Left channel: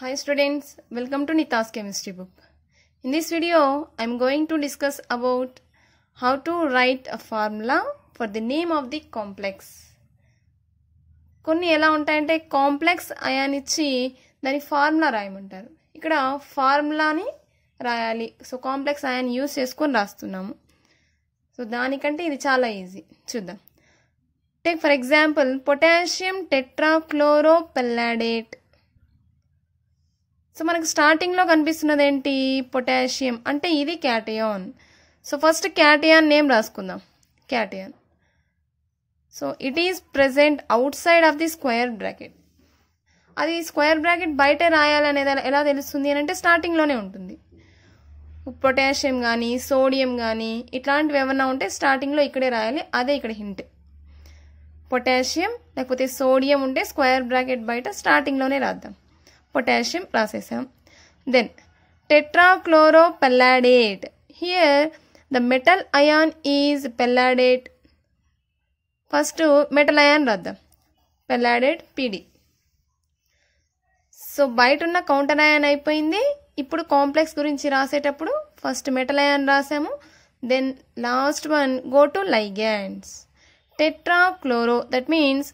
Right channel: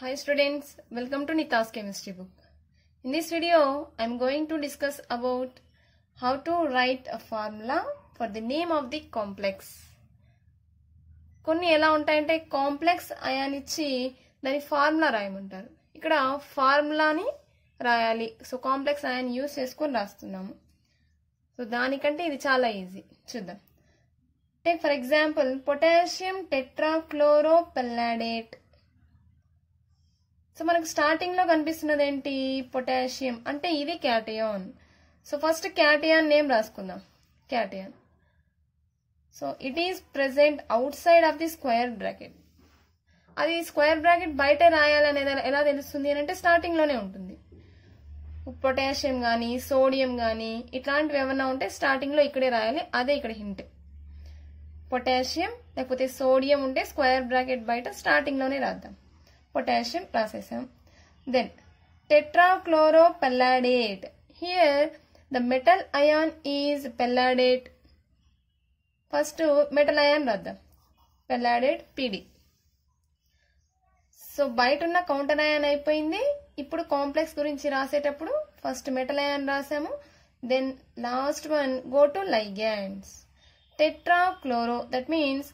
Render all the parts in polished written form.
Hi students, welcome to Nita's chemistry book. In this video, I am going to discuss about how to write a formula for the name of the complex. కొన్ని ఎలా ఉంటాయంటే complex ion ఇచ్చి దాని formula రాయమంటారు. ఇక్కడ ఫార్ములాని రాయాలి. So complex ion use చేసుకొని రాస్తున్నాము. So దానికంటే ఇది చాలా ఈజీ. చూద్దాం. Take for example potassium tetrachloropalladate. So మనకు స్టార్టింగ్ లో కనిపిస్తున్నది ఏంటి? పొటాషియం అంటే ఇది cation. So first cation name రాసుకుందాం. Cation. So it is present outside of the square bracket. అది స్క్వేర్ బ్రాకెట్ బయటే రాయాలి అనేది ఎలా తెలుస్తుంది అని అంటే స్టార్టింగ్ లోనే ఉంటుంది. పొటాషియం కానీ సోడియం కానీ ఇట్లాంటివి ఏమన్నా ఉంటే స్టార్టింగ్ లో ఇక్కడే రాయాలి. అదే ఇక్కడ హింట్. పొటాషియం లేకపోతే సోడియం ఉంటే స్క్వేర్ బ్రాకెట్ బయట స్టార్టింగ్ లోనే రాద్దాం. పొటాషియం రాసేసాం. Then tetrachloropalladate. Here the metal ion is palladate. First metal ion రాద్దాం. పెల్లాడేట్ పిడి. సో బయట ఉన్న కౌంటర్ అయాన్ అయిపోయింది. ఇప్పుడు కాంప్లెక్స్ గురించి రాసేటప్పుడు ఫస్ట్ మెటల్ అయాన్ రాసాము. Then last one go to ligands. Tetrachloro, that means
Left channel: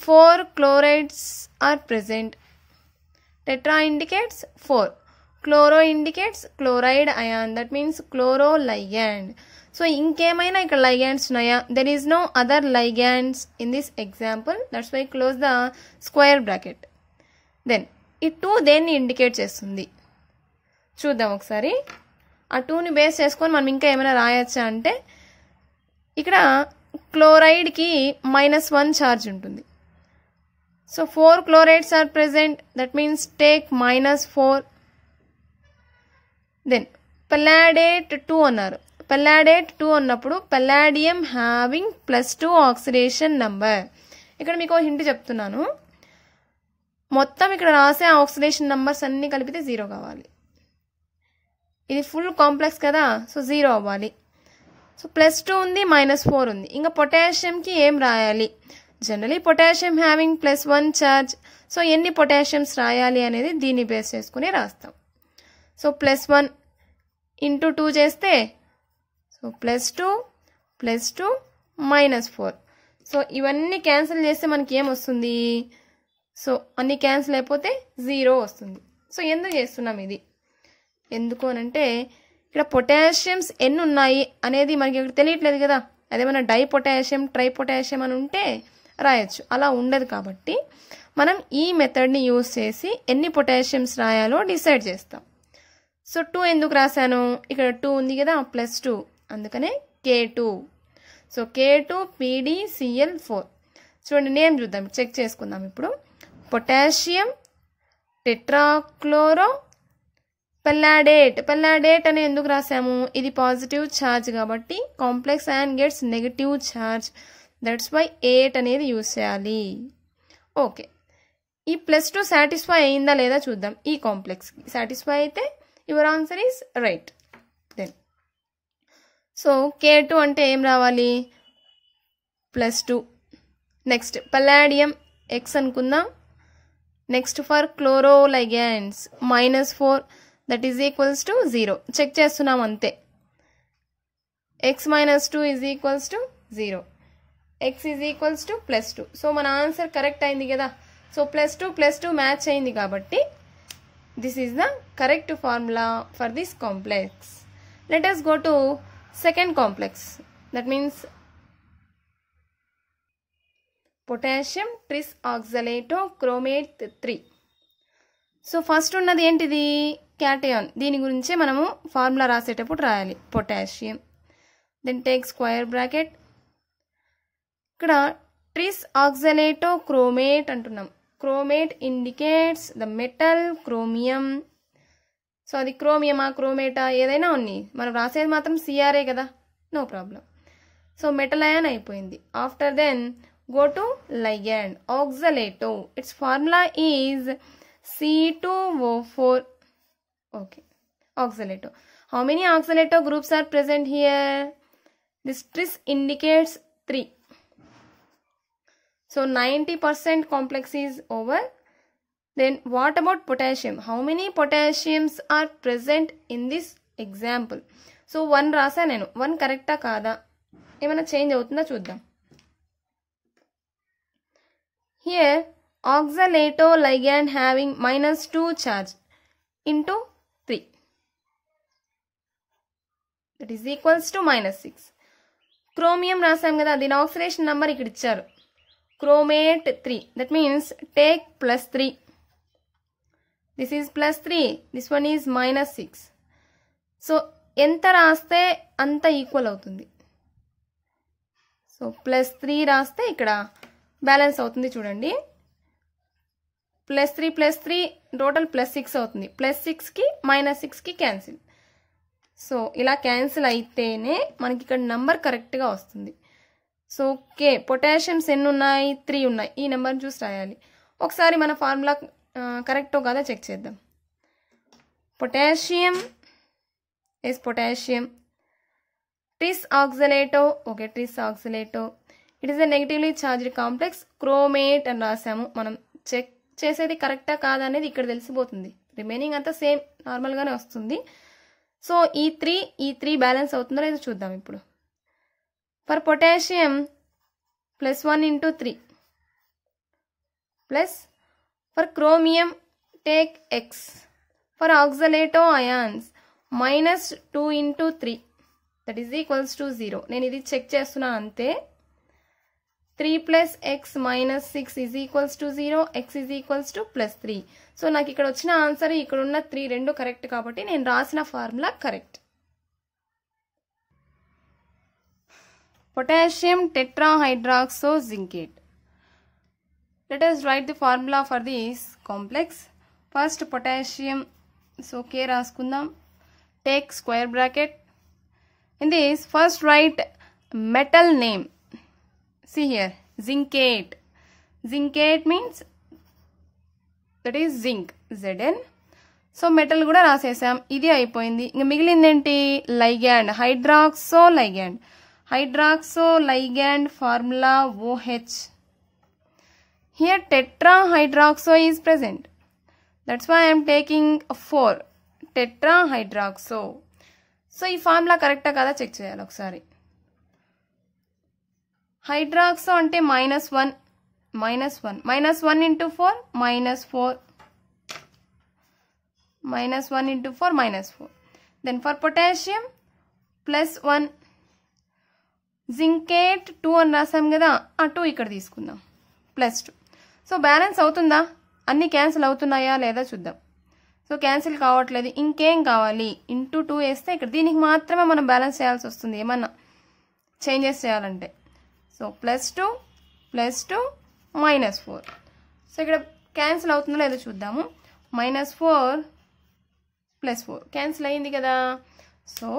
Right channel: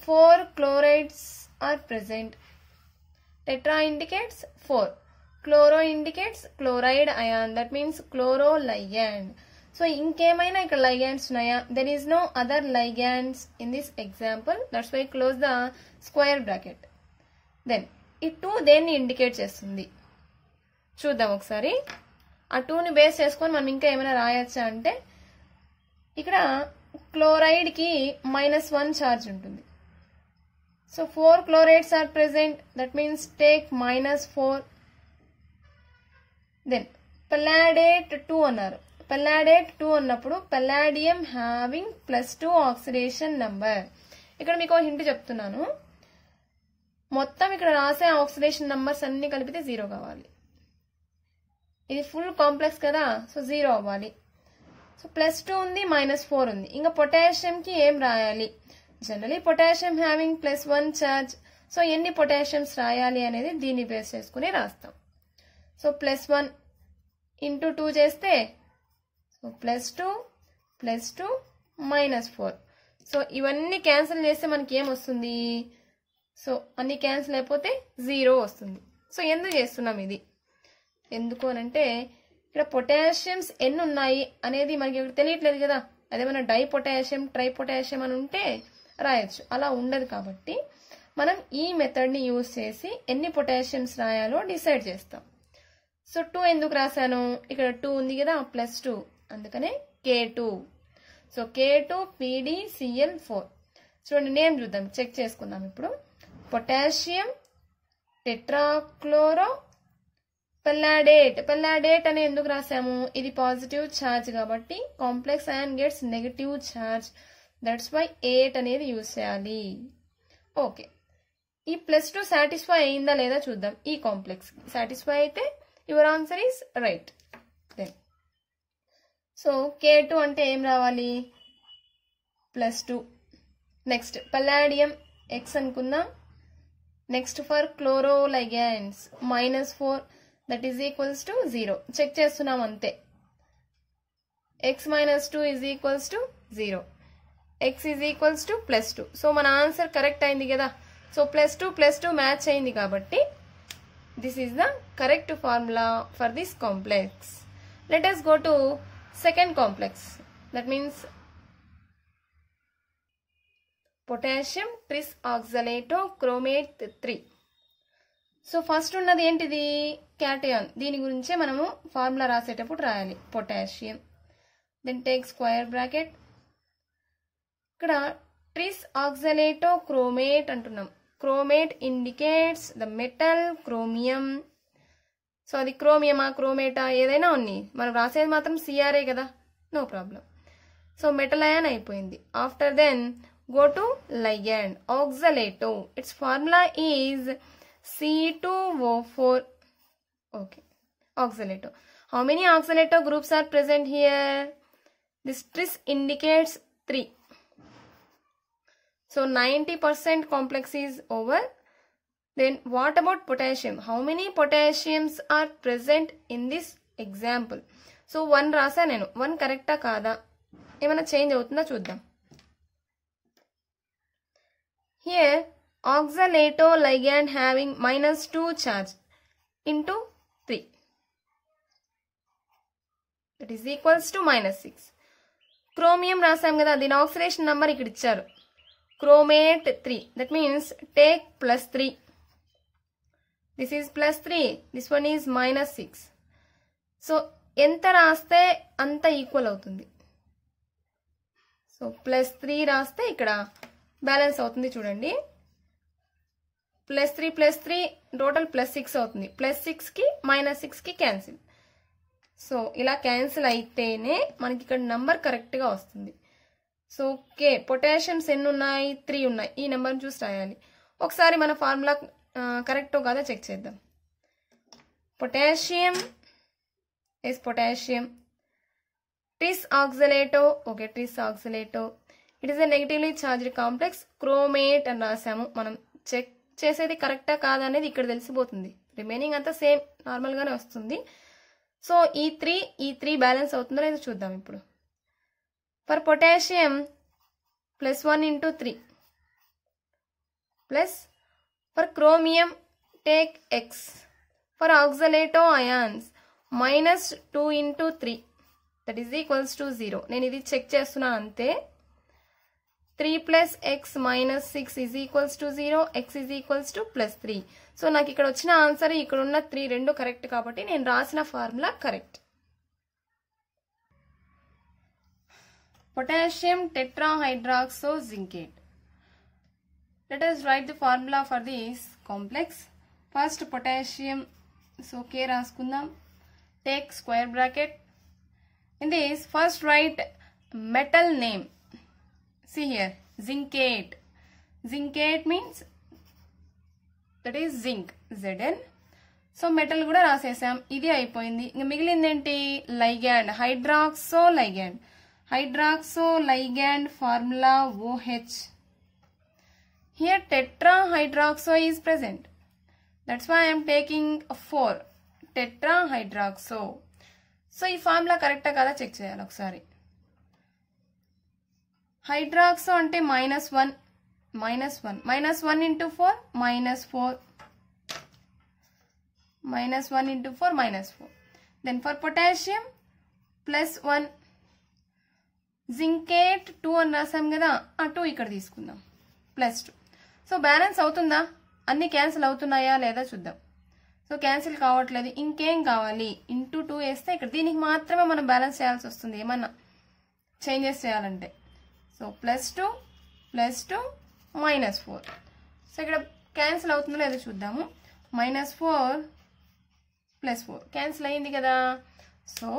4 chlorides are present. Tetra indicates 4. Chloro indicates chloride ion. That means chloroligand. So, ఇంకేమైనా ఇక్కడ ligands ఉన్నాయా? There is no other ligands in this example. That's why close the square bracket. Then, ఈ 2 దేన్ని indicate చేస్తుంది? చూద్దాం ఒకసారి. ఆ 2ని బేస్ చేసుకొని మనం ఇంకా ఏమైనా రాయొచ్చా అంటే ఇక్కడ క్లోరైడ్కి -1 ఛార్జ్ ఉంటుంది. So 4 chlorides are present. That means take -4. Then palladiate 2 అన్నారు. palladiate 2 అన్నప్పుడు palladium having +2 oxidation number. ఇక్కడ మీకు హింట్ చెప్తున్నాను. మొత్తం ఇక్కడ రాసే ఆక్సిడేషన్ నంబర్స్ అన్ని కలిపితే 0 కావాలి. ఇది ఫుల్ కాంప్లెక్స్ కదా, సో 0 అవ్వాలి. సో +2 ఉంది, -4 ఉంది. ఇంకా పొటాషియంకి ఏం రాయాలి? Generally potassium having +1 charge. So ఎన్ని పొటాషియమ్స్ రాయాలి అనేది దీన్ని బేస్ చేసుకుని రాస్తాం. సో +1 × 2 చేస్తే సో +2 +2 -4. సో ఇవన్నీ క్యాన్సిల్ చేస్తే మనకి ఏమొస్తుంది? సో అన్ని క్యాన్సిల్ అయిపోతే 0 వస్తుంది. సో ఎందుకు చేస్తున్నాం ఇది? ఎందుకు అనంటే ఇక్కడ పొటాషియమ్స్ ఎన్ని ఉన్నాయి అనేది మనకి ఇక్కడ తెలియట్లేదు కదా. అదేమన్నా డై పొటాషియం ట్రై పొటాషియం అని ఉంటే రాయొచ్చు. అలా ఉండదు కాబట్టి మనం ఈ మెథడ్ని యూజ్ చేసి ఎన్ని పొటాషియమ్స్ రాయాలో డిసైడ్ చేస్తాం. సో 2 ఎందుకు రాశాను? ఇక్కడ 2 ఉంది కదా, +2, అందుకనే K2. So K2 PdCl4. చూడండి, నేమ్ చూద్దాం, చెక్ చేసుకుందాం. ఇప్పుడు పొటాషియం టెట్రాక్లోరో పెల్లాడేట్. పెల్లాడేట్ అని ఎందుకు రాసాము? ఇది పాజిటివ్ ఛార్జ్ కాబట్టి complex ion gets negative charge. That's why 8 అనేది యూజ్ చేయాలి. ఓకే, ఈ +2 సాటిస్ఫై అయిందా లేదా చూద్దాం. ఈ కాంప్లెక్స్ సాటిస్ఫై అయితే your answer is right. Then so K2 అంటే ఏం రావాలి? +2. నెక్స్ట్ పల్లాడియం X అనుకుందాం. Next for chloro ligands -4, that is equals to 0. Check చేస్తున్నాం అంతే. X -2 is equals to 0. X is equals to +2. So మన ఆన్సర్ కరెక్ట్ అయింది కదా. సో +2 మ్యాచ్ అయింది కాబట్టి this is the correct formula for this complex. Let us go to second complex. That means potassium trisoxalatochromate 3. So first ఉన్నది ఏంటిది? Cation. దీని గురించి మనము ఫార్ములా రాసేటప్పుడు రాయాలి. Potassium. Then take square bracket. ఇక్కడ ట్రిసాక్సలేటోక్రోమేట్ అంటున్నాం. Chromate indicates the metal chromium. So అది క్రోమియమా క్రోమేటా ఏదైనా ఉన్నాయి, మనం రాసేది మాత్రం సిఆర్ఏ కదా, no problem. So metal ion అయిపోయింది. After then go to ligand. Oxalato, its formula is C2O4. Okay, oxalato. How many oxalato groups are present here? This tris indicates 3. So 90% complex is over. Then what about potassium? How many potassiums are present in this example? So 1 రాసా నేను. 1 కరెక్టా కాదా? ఏమైనా change అవుతుందా చూద్దాం. Here oxalato ligand having -2 charge into 3. That is equals to -6. Chromium రాసాం కదా, దీని ఆక్సిడేషన్ నెంబర్ ఇక్కడ ఇచ్చారు. Chromate 3. That means take +3. This is +3. This one is -6. So ఎంత రాస్తే అంత ఈక్వల్ అవుతుంది. సో +3 రాస్తే ఇక్కడ బ్యాలెన్స్ అవుతుంది చూడండి. +3 టోటల్ +6 అవుతుంది. +6కి -6కి క్యాన్సిల్. సో ఇలా క్యాన్సిల్ అయితేనే మనకి ఇక్కడ నంబర్ కరెక్ట్గా వస్తుంది. సో ఓకే, పొటాషియమ్స్ ఎన్ని ఉన్నాయి? 3 ఉన్నాయి. ఈ నెంబర్ని చూసి రాయాలి. ఒకసారి మన ఫార్ములా కరెక్టో కాదా చెక్ చేద్దాం. Potassium is potassium. Tris oxalato, okay, tris oxalato. It is a negatively charged complex. Chromate అని రాసాము. మనం చెక్ చేసేది కరెక్టా కాదా అనేది ఇక్కడ తెలిసిపోతుంది. రిమైనింగ్ అంతా సేమ్ నార్మల్గానే వస్తుంది. సో ఈ త్రీ బ్యాలెన్స్ అవుతుందో లేదో చూద్దాం ఇప్పుడు. For potassium +1 into 3 plus for chromium take X. For oxalato ions -2 into 3 that is equals to 0. నేను ఇది చెక్ చేస్తున్నాను అంతే. 3 + x - 6 is equals to 0. x is equals to +3. So నాకు ఇక్కడ వచ్చిన ఆన్సర్ ఇక్కడ ఉన్న 3 రెండు కరెక్ట్ కాబట్టి నేను రాసిన formula correct. Potassium tetrahydroxozincate. Let us write the formula for this complex. First potassium, so K రాసుకుందాం. Take square bracket. In this, first write metal name. See here, zincate. Zincate means that is zinc, Zn. So metal కూడా రాసేసాం. ఇది అయిపోయింది. ఇంక మిగిలింది ఏంటి? ligand, hydroxoligand. Hydroxoligand formula OH. Here tetrahydroxo is present. That's why I am taking 4. tetrahydroxo. So ఈ formula కరెక్టా కదా check చేయాలి ఒకసారి. హైడ్రాక్సో అంటే -1 into 4 -4 -1 into 4 -4. Then for potassium +1. Zincate 2 అని రాసాం కదా, ఆ 2 ఇక్కడ తీసుకుందాం +2. సో బ్యాలెన్స్ అవుతుందా? అన్ని క్యాన్సిల్ అవుతున్నాయా లేదా చూద్దాం. సో క్యాన్సిల్ కావట్లేదు. ఇంకేం కావాలి? ఇంటూ 2 వేస్తే ఇక్కడ దీనికి మాత్రమే మనం బ్యాలెన్స్ చేయాల్సి వస్తుంది ఏమన్నా చేంజెస్ చేయాలంటే. సో +2 +2 -4. సో ఇక్కడ క్యాన్సిల్ అవుతుందో లేదో చూద్దాము. -4 +4 క్యాన్సిల్ అయ్యింది కదా. సో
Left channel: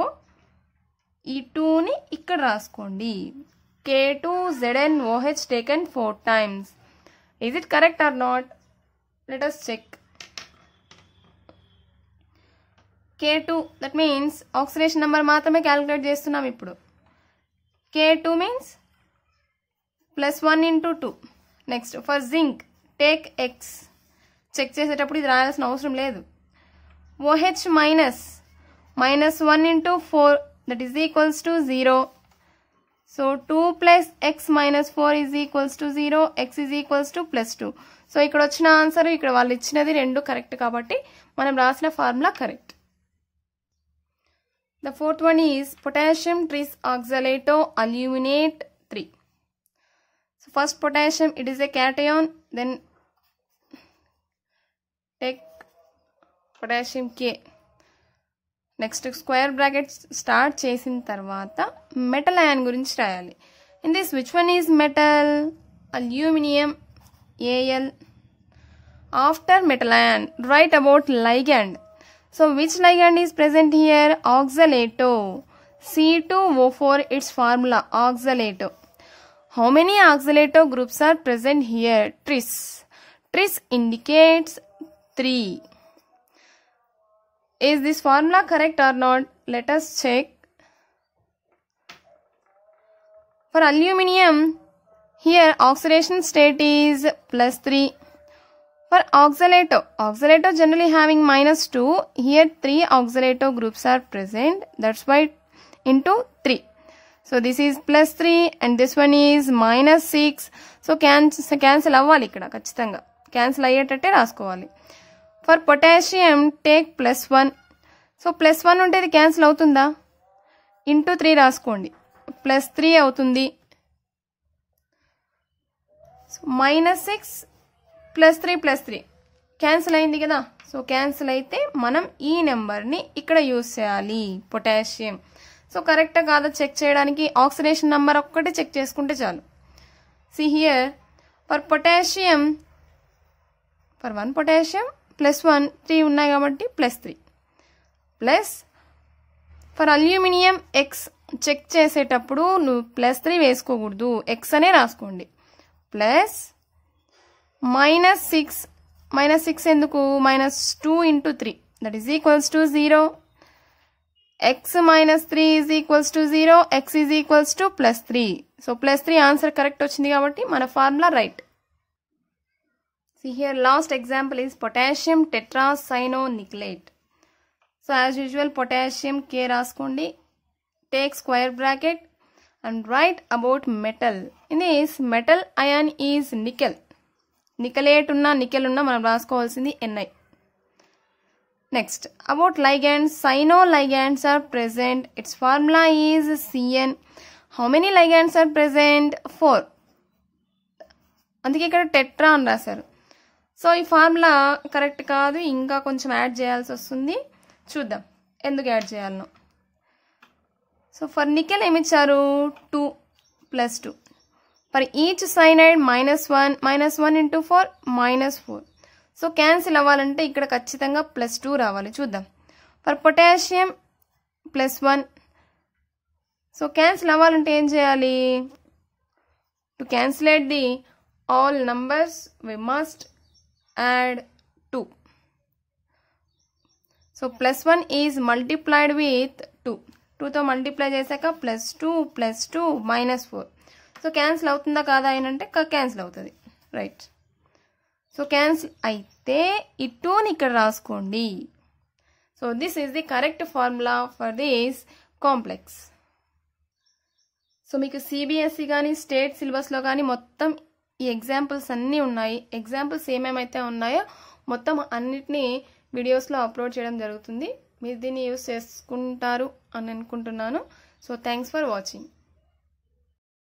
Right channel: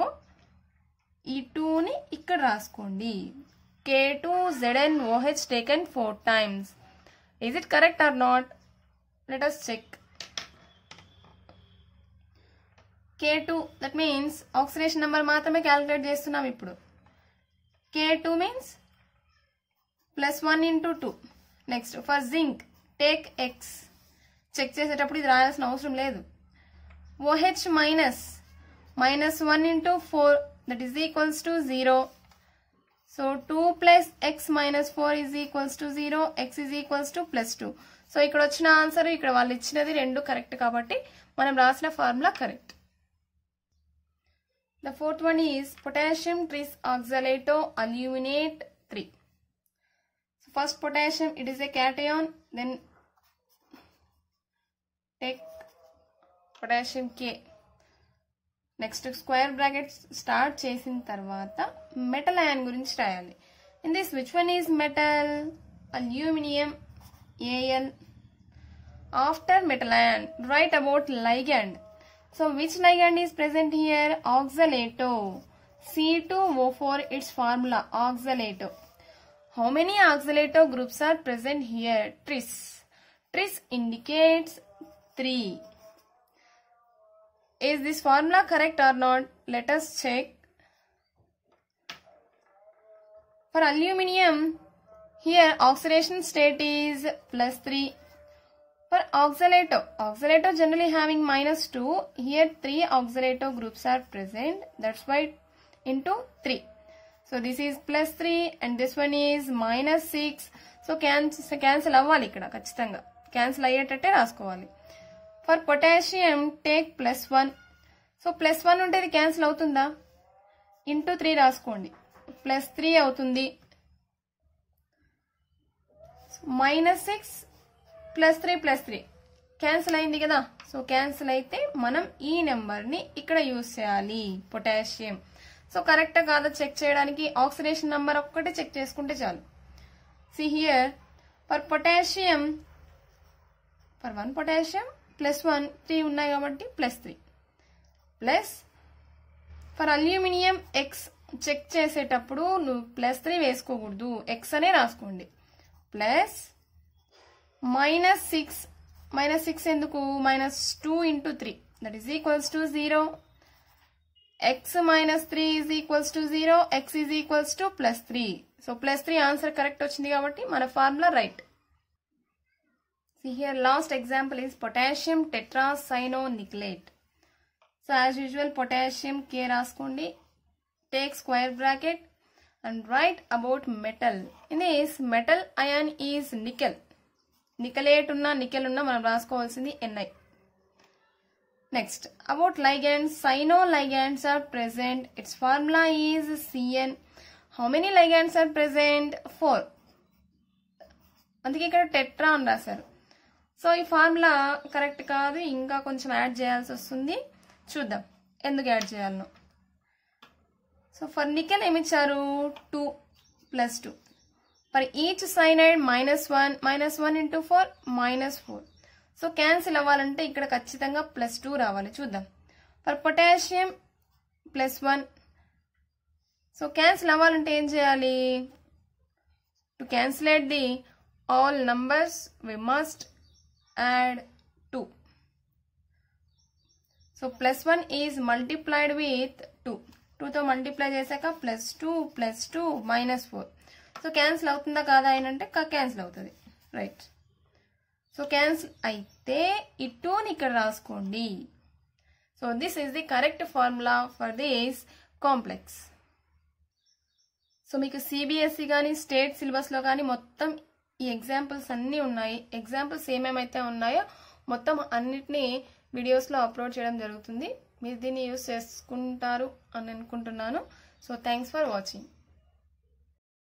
ఈ 2ని ఇక్కడ రాసుకోండి. K2ZnOH taken 4 times. Is it correct or not? Let us check. K2, that means oxidation number మాత్రమే క్యాలిక్యులేట్ చేస్తున్నాం ఇప్పుడు. K2 means +1 into 2. Next for zinc take X. Check చేసేటప్పుడు ఇది రాయాల్సిన అవసరం లేదు. OH -1 into 4 that is equals to 0. So 2 + x - 4 is equals to 0. X is equals to +2. So ఇక్కడ వచ్చిన answer ఇక్కడ వాళ్ళు ఇచ్చినది రెండు కరెక్ట్ కాబట్టి మనం రాసిన formula correct. The fourth one is potassium trisoxalato aluminate 3. So first potassium, it is a cation. Then take potassium K. Next square brackets start చేసిన తర్వాత metal ion గురించి రాయాలి. In this, which one is metal? Aluminium, Al. After metal ion, write about ligand. So which ligand is present here? Oxalato. C2O4, its formula oxalato. How many oxalato groups are present here? Tris. Tris indicates 3. Is this formula correct or not? Let us check. For aluminium, here oxidation state is +3. For oxalato generally having -2, here 3 oxalato groups are present. That's why into 3. So this is +3 and this one is -6. So cancel అవ్వాలి ఇక్కడ ఖచ్చితంగా cancel అయ్యేటట్టే రాసుకోవాలి. For potassium take +1. So +1 ఉంటే ఇది cancel అవుతుందా? Into 3 రాసుకోండి, +3 అవుతుంది. -6 +3 cancel అయింది కదా. సో క్యాన్సిల్ అయితే మనం ఈ నెంబర్ని ఇక్కడ యూజ్ చేయాలి పొటాషియం. సో కరెక్టా కాదా చెక్ చేయడానికి ఆక్సిడేషన్ నెంబర్ ఒక్కటి చెక్ చేసుకుంటే చాలు. See here, for potassium, for 1 potassium +1 3 ఉన్నాయి కాబట్టి +3 plus for aluminium X check చేసేటప్పుడు నువ్వు +3 వేసుకోకూడదు, X అనే రాసుకోండి. ప్లస్ -6 ఎందుకు? -2 × 3 that is equals to 0. X -3 is equals to 0. X is equals to +3. So +3 answer correct వచ్చింది కాబట్టి మన formula right. See here, last example is potassium tetracyanoniculate. So as usual potassium K రాసుకోండి, take square bracket and write about metal. In this metal ion is nickel. Nicolate ఉన్నా nickel ఉన్నా మనం రాసుకోవాల్సింది Ni. Next, about ligands, cyanoligands are present. Its formula is Cn. How many ligands are present? 4. అందుకే ఇక్కడ tetra అని రాశారు. So ఈ formula correct కాదు, ఇంకా కొంచెం యాడ్ చేయాల్సి వస్తుంది. చూద్దాం ఎందుకు యాడ్ చేయాలనో. సో ఫర్ నికెల్ ఏమిచ్చారు? 2 + 2. For each cyanide -1 × 4 -4. So cancel అవ్వాలంటే ఇక్కడ ఖచ్చితంగా +2 రావాలి. చూద్దాం. For potassium +1. సో క్యాన్సిల్ అవ్వాలంటే ఏం చేయాలి? To cancelate the all numbers we must add 2. So +1 is multiplied with 2. 2తో మల్టిప్లై చేశాక +2 +2 -4. సో క్యాన్సిల్ అవుతుందా కాదా అంటే క్యాన్సిల్ అవుతుంది. రైట్. సో క్యాన్సిల్ అయితే ఈ 2ని ఇక్కడ రాసుకోండి. So this is the correct formula for this complex. So మీకు సిబిఎస్ఈ కానీ స్టేట్ సిలబస్లో కానీ మొత్తం ఈ ఎగ్జాంపుల్స్ అన్నీ ఉన్నాయి. ఎగ్జాంపుల్స్ ఏమేమైతే ఉన్నాయో మొత్తం అన్నిటినీ వీడియోస్లో అప్లోడ్ చేయడం జరుగుతుంది. మీరు దీన్ని యూస్ చేసుకుంటారు అని అనుకుంటున్నాను. So thanks for watching.